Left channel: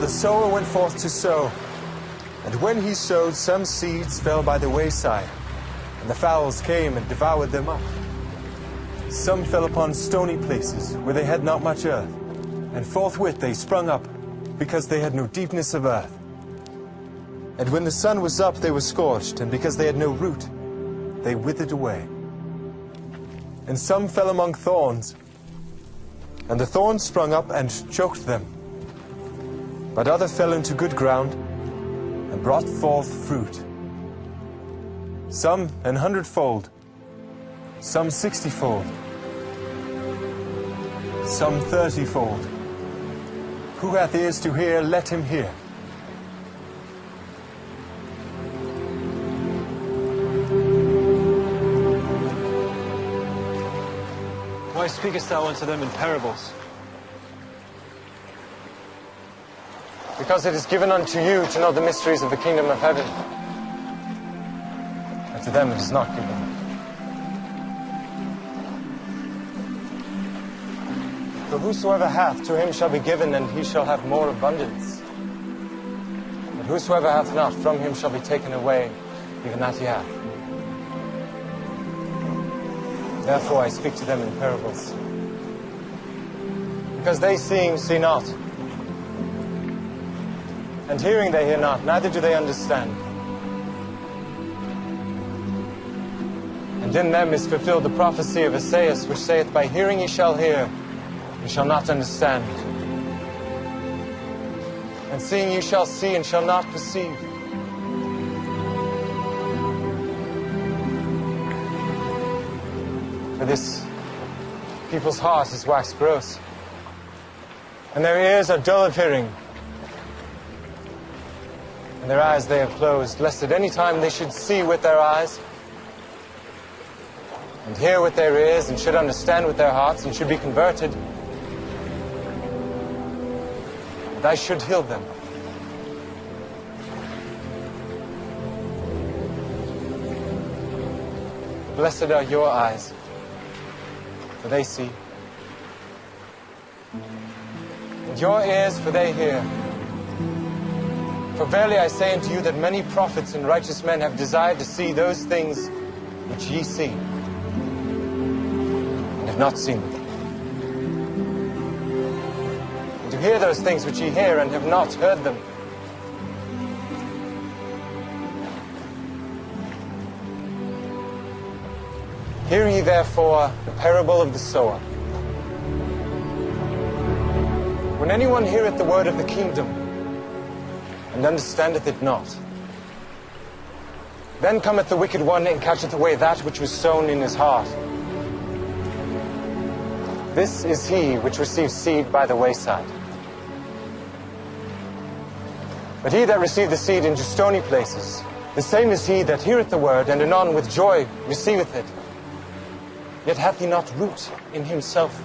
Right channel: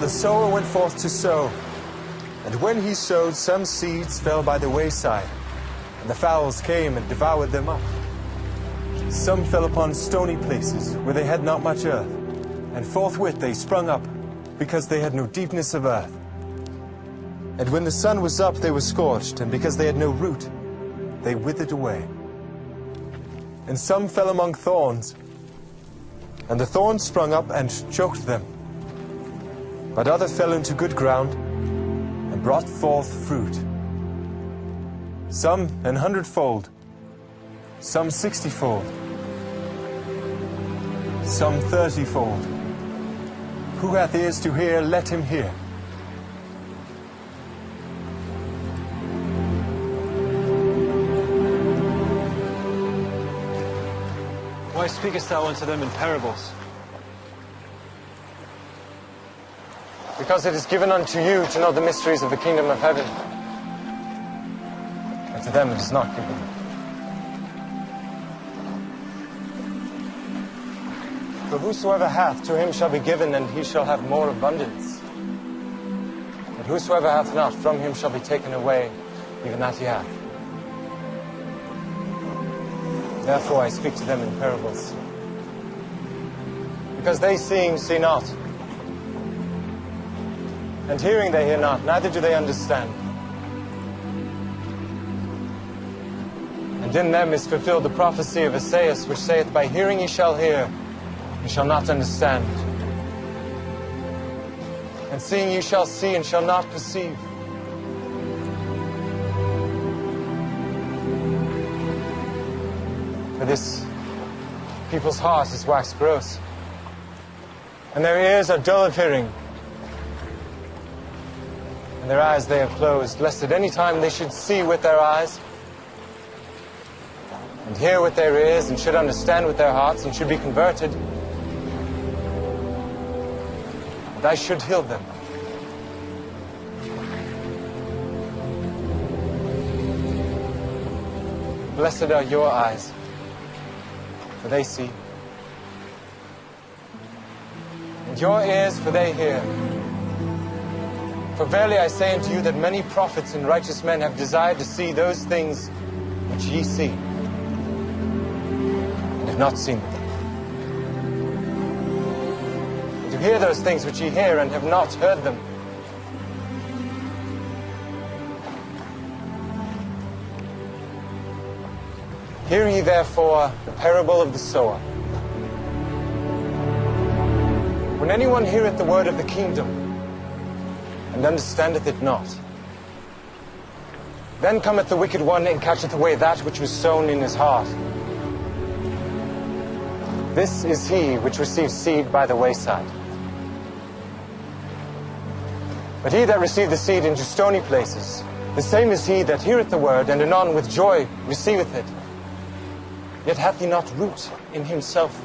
behold, a sower went forth to sow. And when he sowed, some seeds fell by the wayside, and the fowls came and devoured them up. Some fell upon stony places, where they had not much earth, and forthwith they sprung up, because they had no deepness of earth. And when the sun was up, they were scorched, and because they had no root, they withered away. And some fell among thorns, and the thorns sprung up and choked them. But others fell into good ground, and brought forth fruit. Some 100-fold, some 60-fold, some 30-fold. Who hath ears to hear, let him hear. Why speakest thou unto them in parables? Because it is given unto you to know the mysteries of the kingdom of heaven. And to them it is not given. For whosoever hath, to him shall be given, and he shall have more abundance. But whosoever hath not, from him shall be taken away, even that he hath. Therefore I speak to them in parables. Because they seeing, see not. And hearing they hear not, neither do they understand. And in them is fulfilled the prophecy of Esaias, which saith, By hearing ye shall hear, and shall not understand. And seeing ye shall see, and shall not perceive. For this people's heart is waxed gross, and their ears are dull of hearing, and their eyes they have closed, lest at any time they should see with their eyes, and hear with their ears, and should understand with their hearts, and should be converted, and I should heal them. Blessed are your eyes, for they see, and your ears, for they hear. For verily I say unto you that many prophets and righteous men have desired to see those things which ye see, and have not seen them. And to hear those things which ye hear, and have not heard them. Hear ye therefore the parable of the sower. When anyone heareth the word of the kingdom, and understandeth it not, then cometh the wicked one, and catcheth away that which was sown in his heart. This is he which receives seed by the wayside. But he that received the seed into stony places, the same is he that heareth the word, and anon with joy receiveth it. Yet hath he not root in himself,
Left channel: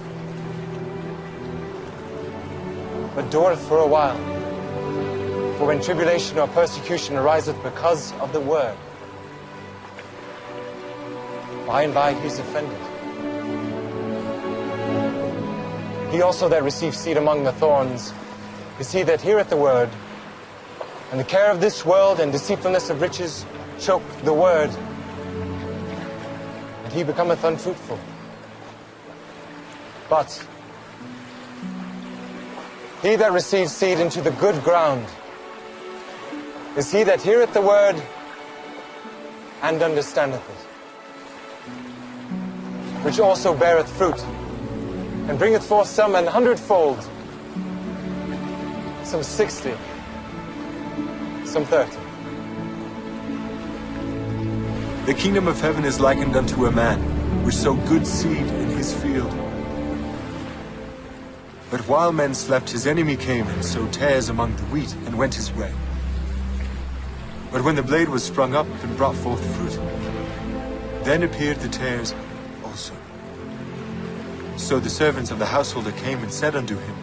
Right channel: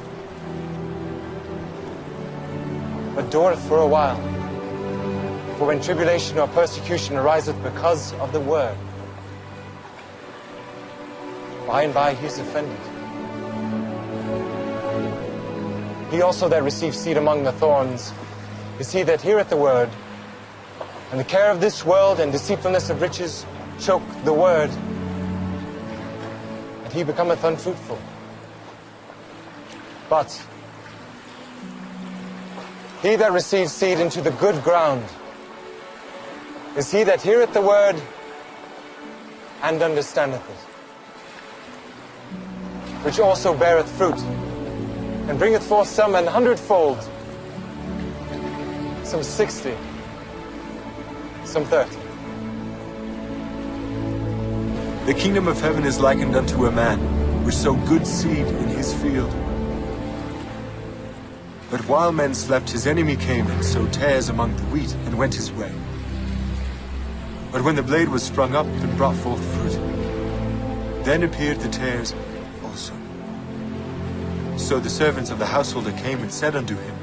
but dureth for a while. For when tribulation or persecution ariseth because of the word, by and by he is offended. He also that receives seed among the thorns is he that heareth the word, and the care of this world and deceitfulness of riches choke the word, and he becometh unfruitful. But he that receives seed into the good ground is he that heareth the word and understandeth it, which also beareth fruit, and bringeth forth some 100-fold, some 60, some 30. The kingdom of heaven is likened unto a man which sowed good seed in his field. But while men slept, his enemy came and sowed tares among the wheat, and went his way. But when the blade was sprung up and brought forth fruit, then appeared the tares also. So the servants of the householder came and said unto him,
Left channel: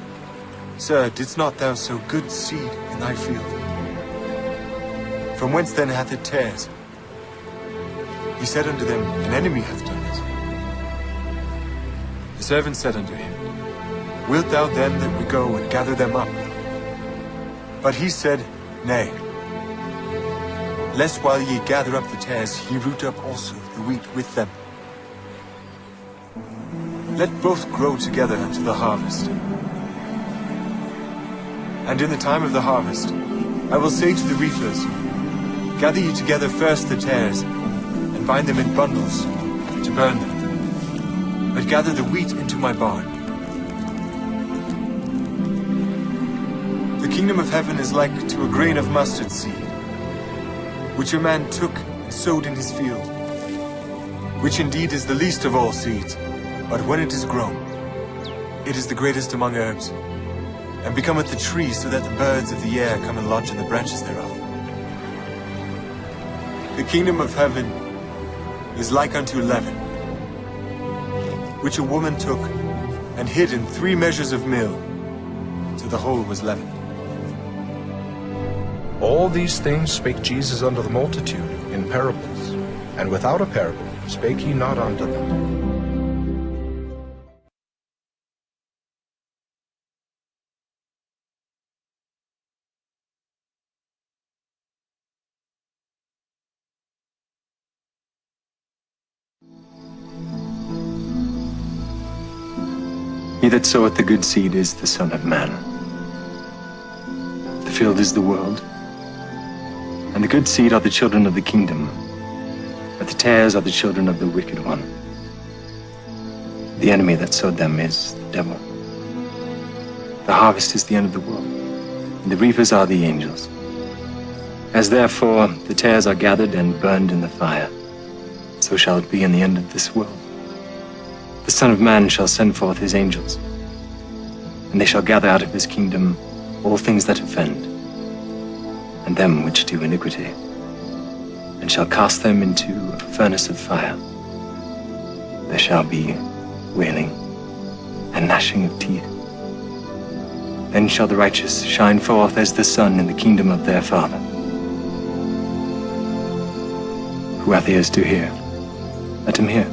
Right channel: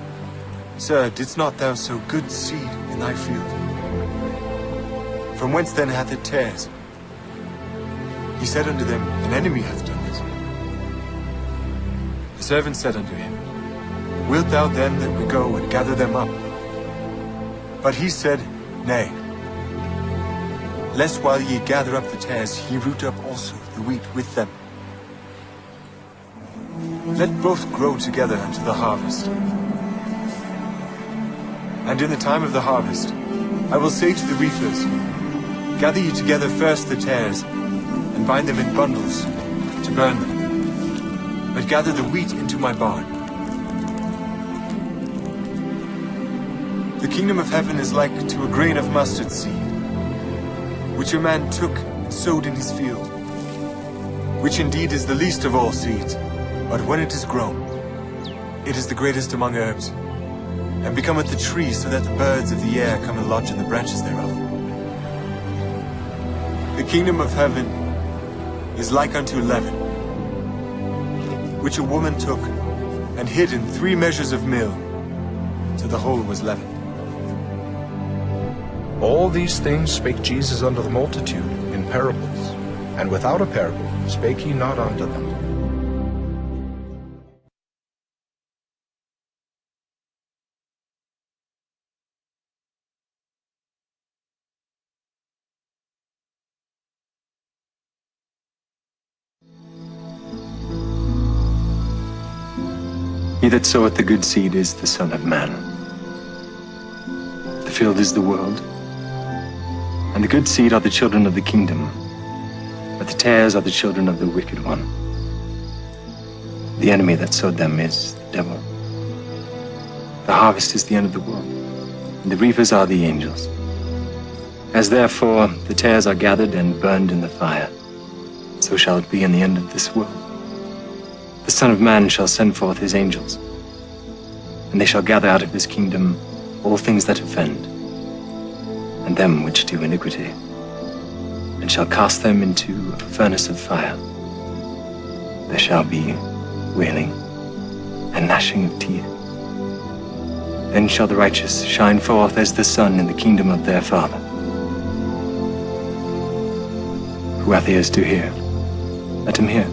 Sir, didst not thou sow good seed in thy field? From whence then hath it tares? He said unto them, An enemy hath done it. The servant said unto him, Wilt thou then that we go and gather them up? But he said, Nay, lest while ye gather up the tares, ye root up also the wheat with them. Let both grow together unto the harvest. And in the time of the harvest, I will say to the reapers, Gather ye together first the tares, and bind them in bundles, to burn them. But gather the wheat into my barn. The kingdom of heaven is like to a grain of mustard seed, which a man took and sowed in his field, which indeed is the least of all seeds, but when it is grown, it is the greatest among herbs, and becometh a tree, so that the birds of the air come and lodge in the branches thereof. The kingdom of heaven is like unto leaven, which a woman took and hid in 3 measures of meal, till the whole was leavened. All these things spake Jesus unto the multitude in parables, and without a parable spake he not unto them. He that soweth the good seed is the Son of Man. The field is the world, and the good seed are the children of the kingdom, but the tares are the children of the wicked one. The enemy that sowed them is the devil. The harvest is the end of the world, and the reapers are the angels. As therefore the tares are gathered and burned in the fire, so shall it be in the end of this world. The Son of Man shall send forth his angels, and they shall gather out of his kingdom all things that offend, and them which do iniquity, and shall cast them into a furnace of fire. There shall be wailing and gnashing of teeth. Then shall the righteous shine forth as the sun in the kingdom of their Father. Who hath ears to hear, let him hear.